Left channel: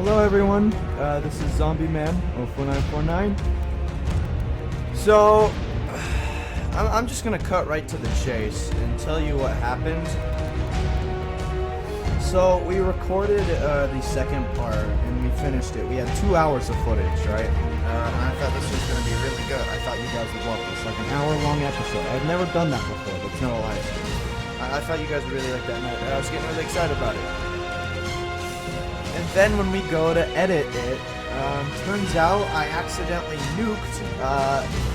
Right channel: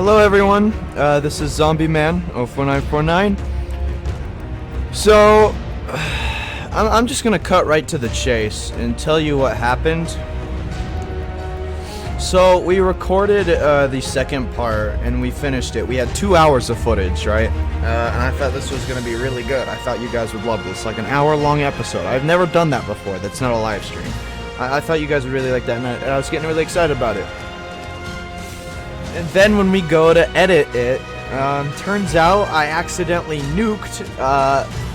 Hello everyone, this is Zombie Man 04949. So, I'm just gonna cut right to the chase and tell you what happened. So, we recorded the second part and we finished it. We had 2 hours of footage, right? And I thought this was gonna be really good. I thought you guys would love this, like an hour-long episode. I've never done that before. That's not a live stream. I thought you guys would really like that, and I was getting really excited about it. And then when we go to edit it, turns out I accidentally nuked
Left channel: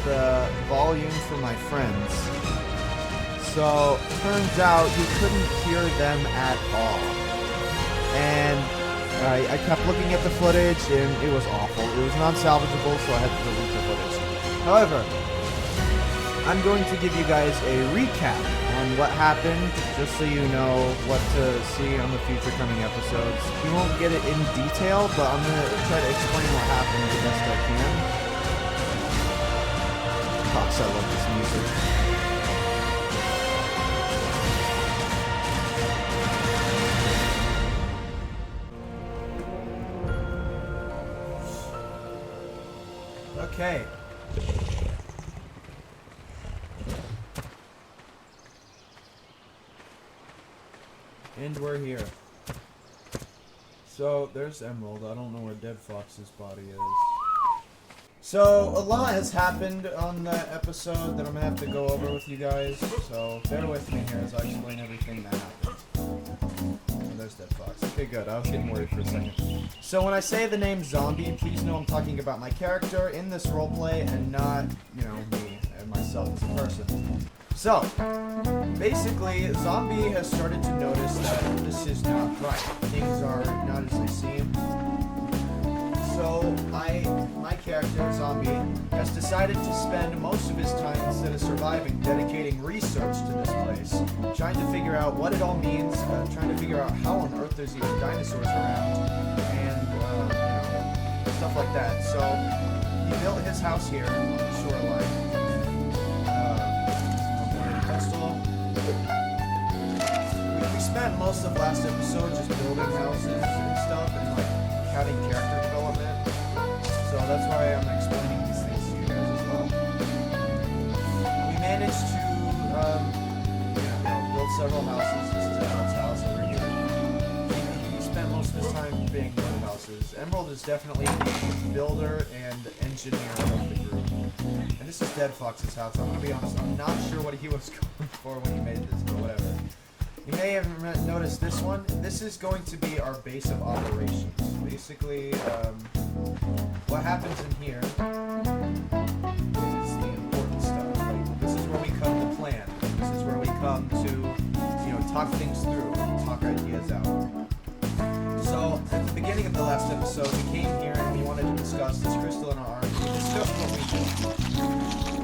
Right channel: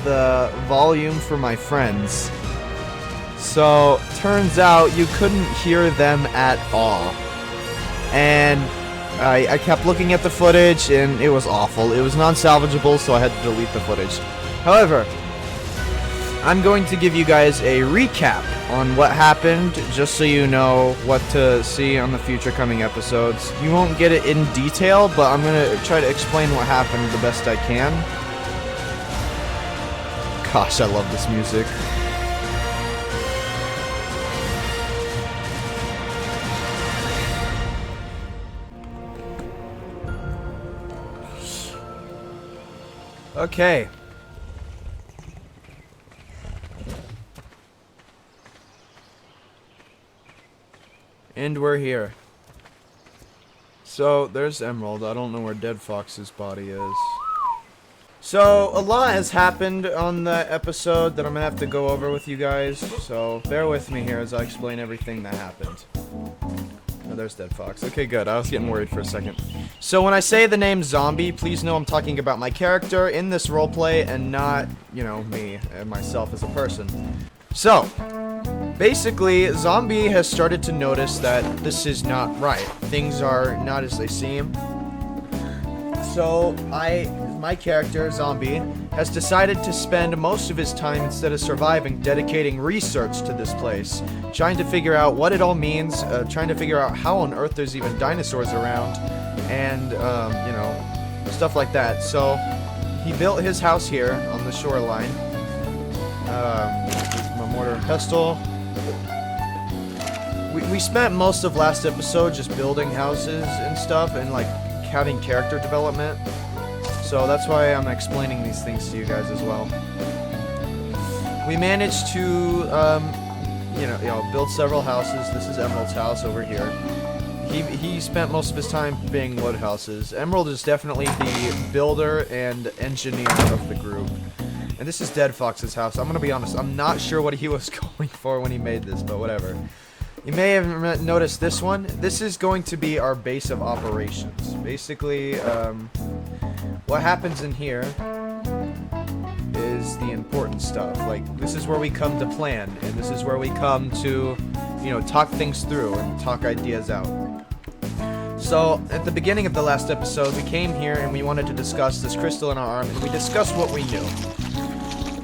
the volume for my friends. So, turns out you couldn't hear them at all. And I kept looking at the footage and it was awful. It was non-salvageable, so I had to delete the footage. However, I'm going to give you guys a recap on what happened, just so you know what to see on the future coming episodes. You won't get it in detail, but I'm going to try to explain what happened the best I can. Gosh, I love this music. Okay. And we're here. So, there's Emerald. I don't know where Dead Fox's body is. So, a lot has happened on the episode that I'm gonna have to go over with you guys. So, bear with me here as I explain everything that happened. Oh, there's Dead Fox. Okay, good. I was getting worried for a second. So, when I say the name Zombie, please know I'm talking about my character in this roleplay and not, you know, me and myself as a person. So, basically, Zombie has started to notice that this is not right. Things are not as they seem. So, my character, Zombie, has decided to spend most of his time, instead of surviving, dedicating research to this place. Trying to figure out what it all means, trying to figure out how on earth there's even dinosaurs around, and, you know, stuff like that. So, he built his house here on the shoreline. Pestle. We spent most of last episode just building houses and stuff and like having character development. So that's why I'm explaining these things to you guys as well. We managed to, you know, build several houses. This is Emerald's house over here. He spent most of his time being wood houses. Emerald is definitely the builder and engineer of the group. And this is Dead Fox's house. I'm gonna be honest, I'm not sure what he was going for when he made this, but whatever. You may have noticed this one. This is going to be our base of operations. Basically, what happens in here is the important stuff. Like, this is where we come to plan, and this is where we come to, you know, talk things through and talk ideas out. So, at the beginning of the last episode, we came here and we wanted to discuss this crystal in our art. We discussed what we knew.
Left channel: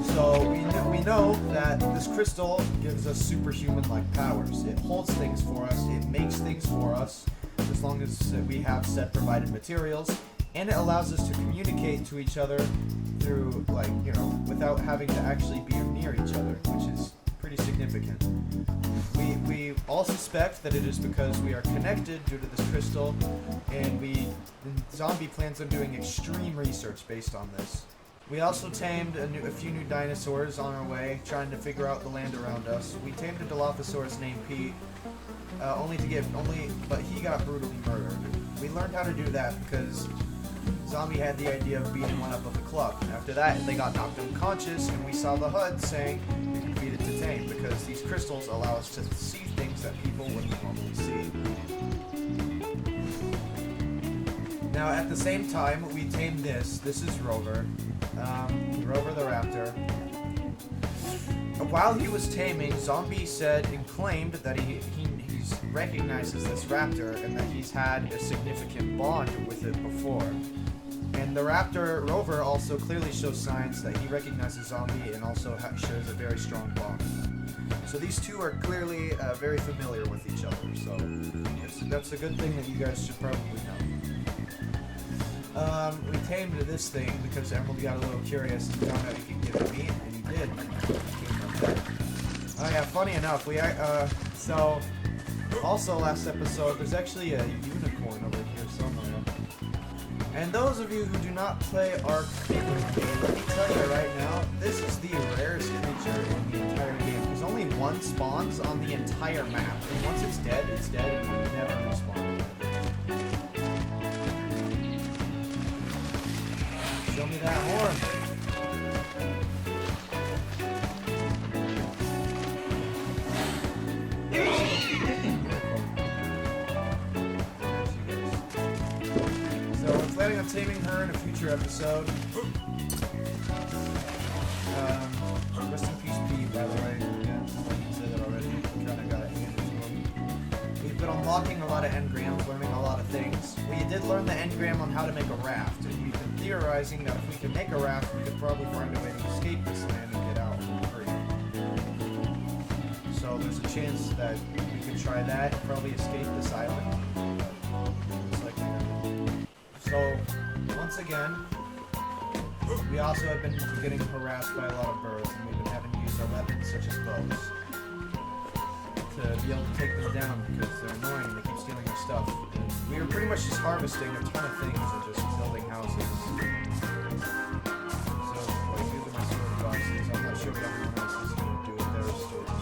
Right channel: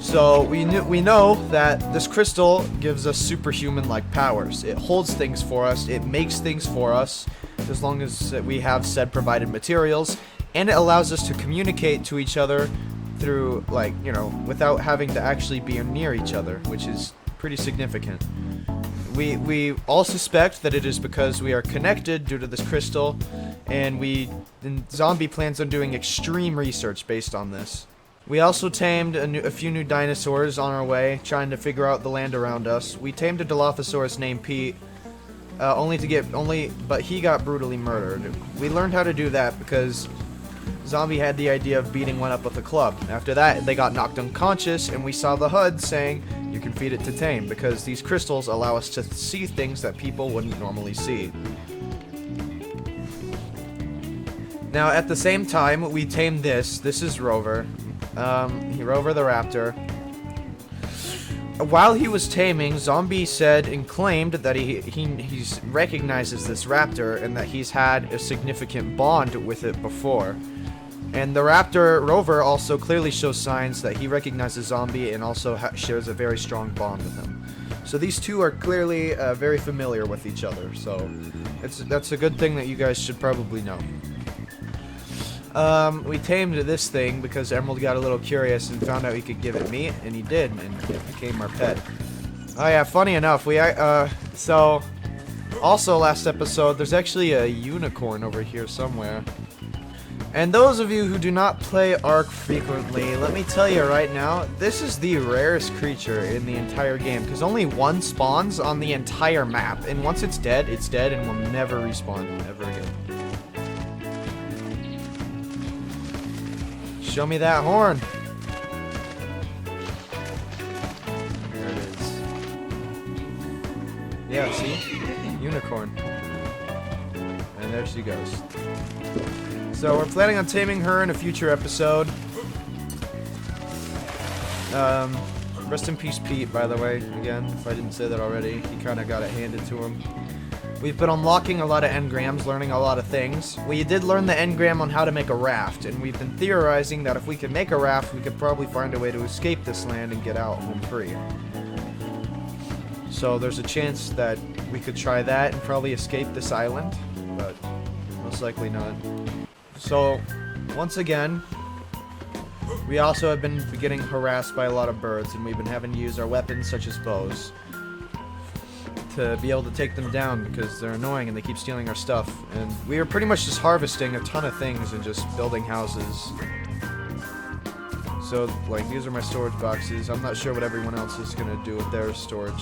So, we know that this crystal gives us superhuman-like powers. It holds things for us, it makes things for us, as long as we have said provided materials, and it allows us to communicate to each other through, like, you know, without having to actually be near each other, which is pretty significant. We all suspect that it is because we are connected due to this crystal, and Zombie plans on doing extreme research based on this. We also tamed a few new dinosaurs on our way, trying to figure out the land around us. We tamed a Dilophosaurus named Pete, but he got brutally murdered. We learned how to do that because Zombie had the idea of beating one up with a club. After that, they got knocked unconscious, and we saw the HUD saying, you can feed it to tame, because these crystals allow us to see things that people wouldn't normally see. Now, at the same time, we tamed this. This is Rover. Rover the raptor. While he was taming, Zombie said and claimed that he recognizes this raptor and that he's had a significant bond with it before. And the raptor, Rover, also clearly shows signs that he recognizes Zombie and also shares a very strong bond with him. So these two are clearly very familiar with each other, so that's a good thing that you guys should probably know. We tamed this thing because Emerald got a little curious and found out he could give it meat, and he did, and it became our pet. Oh yeah, funny enough, so Also, last episode, there's actually a unicorn over here somewhere. And those of you who do not play Ark frequently, let me tell you right now, this is the rarest creature in the entire game, because only one spawns on the entire map, and once it's dead and will never respawn ever again. Show me that horn. There it is. Yeah, unicorn. And there she goes. So we're planning on taming her in a future episode. Rest in peace, Pete, by the way. Again, if I didn't say that already, he kind of got it handed to him. We've been unlocking a lot of engrams, learning a lot of things. We did learn the engram on how to make a raft, and we've been theorizing that if we can make a raft, we could probably find a way to escape this land and get out home free. So there's a chance that we could try that and probably escape this island, but most likely not. So, once again, we also have been getting harassed by a lot of birds, and we've been having to use our weapons, such as bows, to be able to take them down, because they're annoying and they keep stealing our stuff. And we are pretty much just harvesting a ton of things and just building houses. So, like, these are my storage boxes. I'm not sure what everyone else is going to do with their storage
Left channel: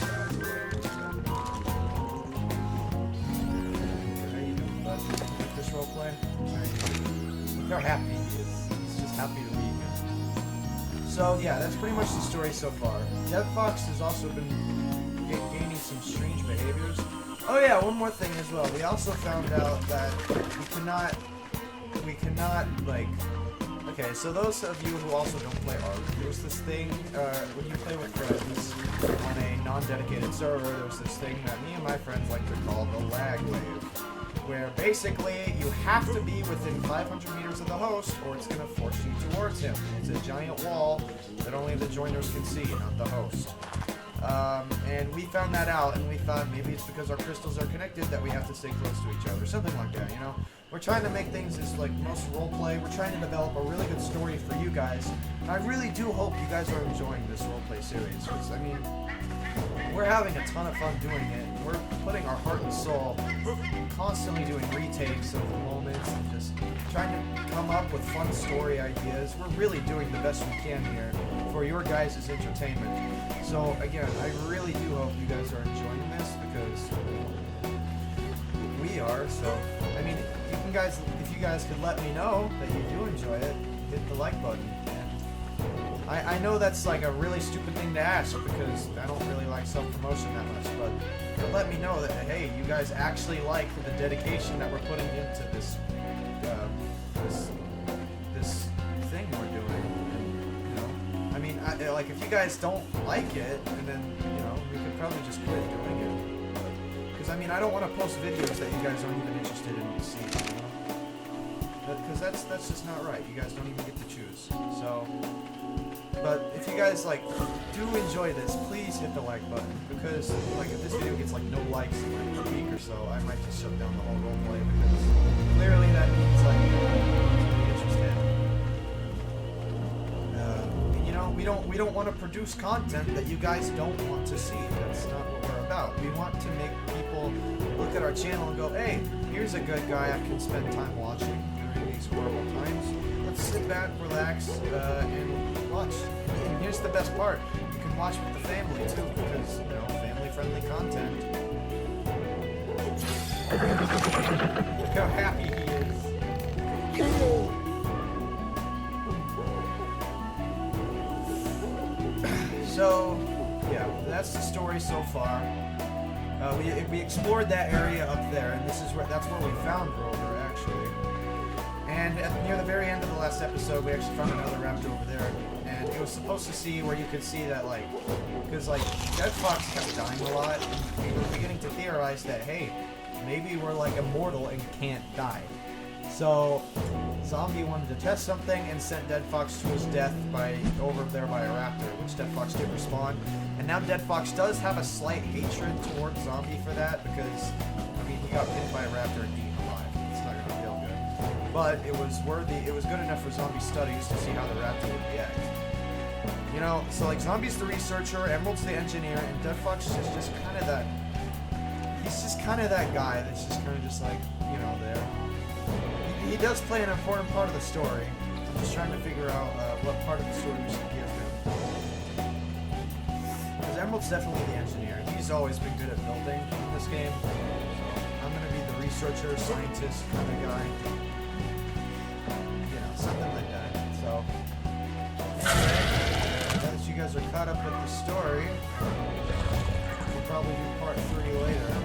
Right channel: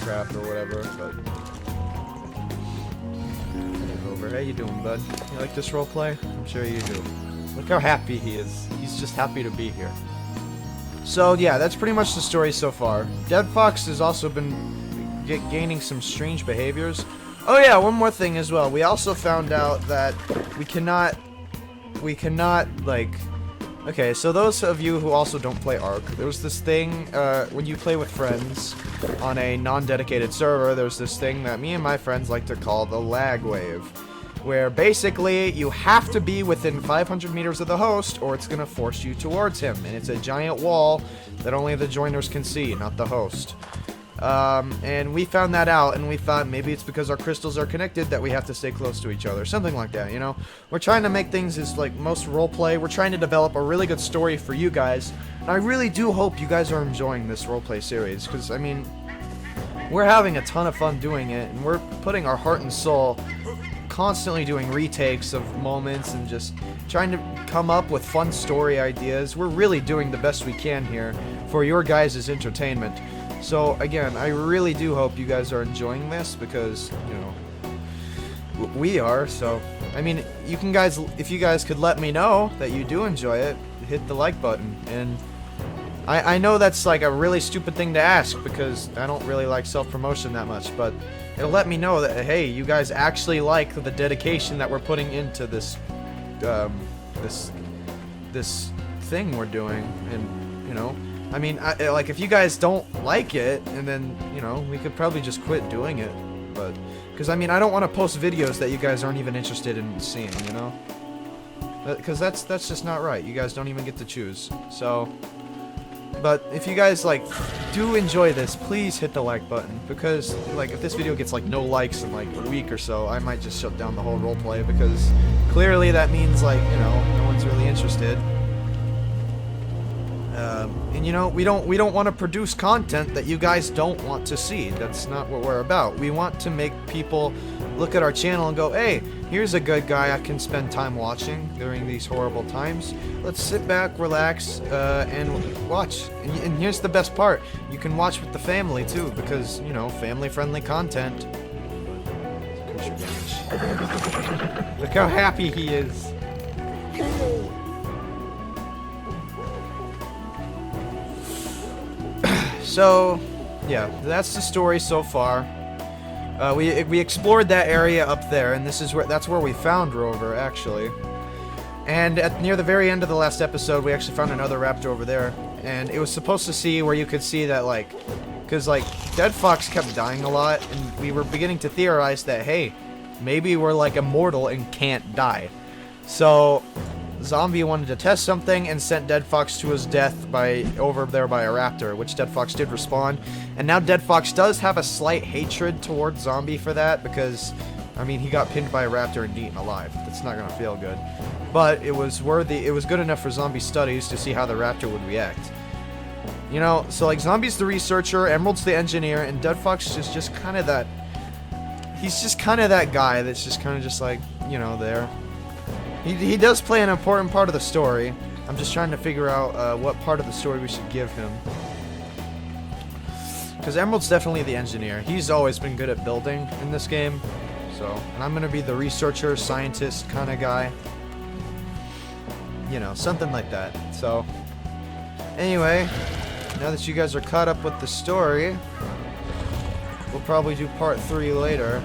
crap or whatever, but... How you doing, bud? You like this roleplay? I'm sure you do. Look how happy he is. He's just happy to be here. So yeah, that's pretty much the story so far. Dead Fox has also been gaining some strange behaviors. Oh yeah, one more thing as well. We also found out that we cannot, like... Okay, so those of you who also don't play Ark, there was this thing, when you play with friends on a non-dedicated server, there's this thing that me and my friends like to call the lag wave, where basically you have to be within 500 meters of the host or it's going to force you towards him, and it's a giant wall that only the joiners can see, not the host. And we found that out, and we thought maybe it's because our crystals are connected that we have to stay close to each other, something like that, you know? We're trying to make things as, like, most roleplay. We're trying to develop a really good story for you guys, and I really do hope you guys are enjoying this roleplay series, because, I mean, we're having a ton of fun doing it, and we're putting our heart and soul, constantly doing retakes of moments and just trying to come up with fun story ideas. We're really doing the best we can here for your guys' entertainment. So again, I really do hope you guys are enjoying this, because, you know, we are. So I mean, you can guys, if you guys could let me know that you do enjoy it, hit the like button. And I know that's like a really stupid thing to ask, because I don't really like self-promotion that much, but it'll let me know that, hey, you guys actually like the dedication that we're putting into this this thing we're doing. And, you know, I mean, like, if you guys don't like it, and then, you know, we could probably just quit doing it. But, because, I mean, I don't want to post videos that you guys aren't even interested in seeing, you know? Because that's just not right. You guys don't even get to choose. So, but if you guys, like, do enjoy this, please hit the like button. Because, like, if this video gets, like, no likes in, like, a week or so, I might just shut down the whole roleplay, because clearly that means, like, you know, no one's really interested. And you know, we don't want to produce content that you guys don't want to see. That's not what we're about. We want to make people look at our channel and go, hey, here's a good guy I can spend time watching during these horrible times. Let's sit back, relax, and watch. And here's the best part. You can watch with the family too, because, you know, family-friendly content. Look how happy he is. So, yeah, that's the story so far. We explored that area up there, and that's where we found Rover, actually. And near the very end of the last episode, we actually found another raptor over there, and it was supposed to see where you could see that, like, because, like, Dead Fox kept dying a lot, and we were beginning to theorize that, hey, maybe we're, like, immortal and can't die. So Zombie wanted to test something and sent Dead Fox to his death over there by a raptor, which Dead Fox did respond. And now Dead Fox does have a slight hatred towards Zombie for that, because, I mean, he got pinned by a raptor and eaten alive. It's not gonna feel good. But it was good enough for Zombie studies to see how the raptor would react. You know, so, like, Zombie's the researcher, Emerald's the engineer, and Dead Fox is just kind of that... he's just kind of that guy that's just kind of just like, you know, there. He does play an important part of the story. I'm just trying to figure out what part of the story we should give him. Because Emerald's definitely the engineer. He's always been good at building in this game. So, and I'm going to be the researcher, scientist kind of guy. You know, something like that. So, anyway, now that you guys are caught up with the story, we'll probably do part 3 later.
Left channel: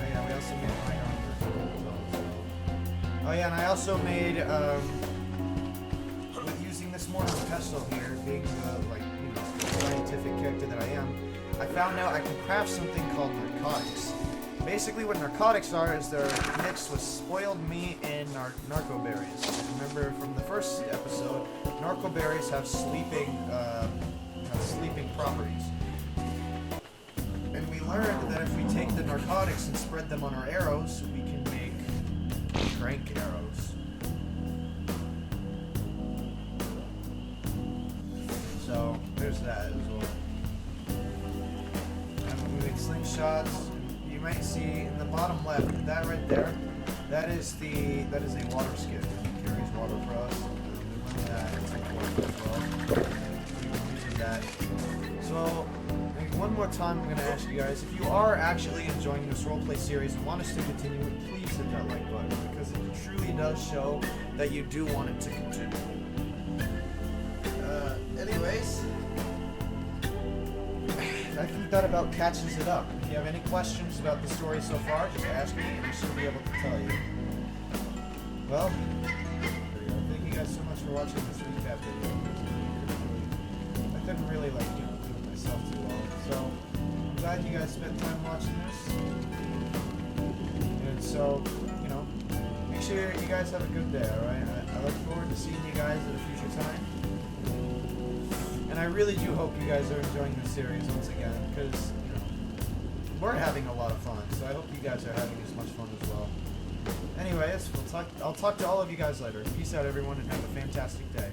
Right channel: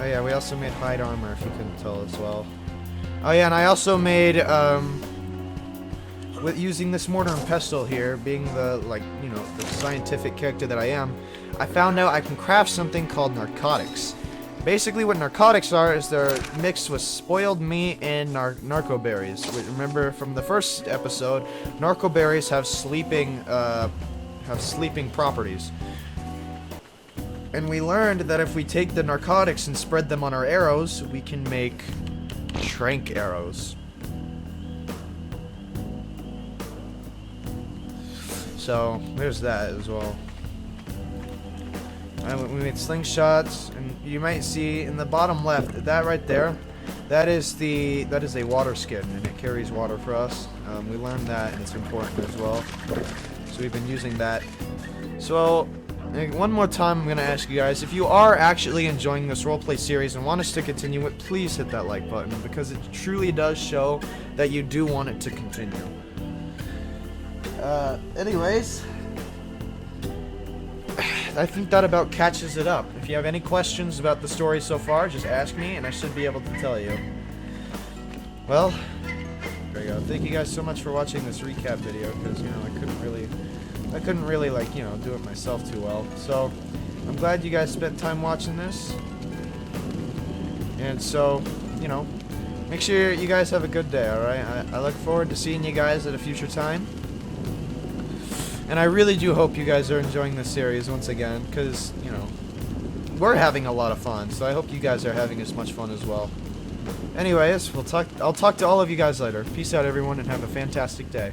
Oh yeah, we also made hide armor, if you couldn't tell as well. Oh yeah, and I also made, with using this mortar and pestle here, being the, like, you know, the scientific character that I am, I found out I can craft something called narcotics. Basically what narcotics are is they're mixed with spoiled meat and narco berries. Remember from the first episode, narco berries have sleeping properties. And we learned that if we take the narcotics and spread them on our arrows, we can make trank arrows. So, there's that as well. And we made slingshots, and you might see in the bottom left, that right there, that is a water skin, and it carries water for us. We learned that, it's important as well. So we've been using that. So, one more time I'm going to ask you guys, if you are actually enjoying this roleplay series and want us to continue it, please hit that like button, because it truly does show that you do want it to continue. Anyways, I think that about catches it up. If you have any questions about the story so far, just ask me and I should be able to tell you. Well, there you go. Thank you guys so much for watching this recap video, because, you know, I couldn't really, like, you know, do it myself too well. So, I'm glad you guys spent time watching this. And so, you know, make sure you guys have a good day, alright? I look forward to seeing you guys at a future time. And I really do hope you guys are enjoying this series once again, because, you know, we're having a lot of fun, so I hope you guys are having as much fun as well. Anyways, I'll talk to all of you guys later. Peace out, everyone, and have a fantastic day.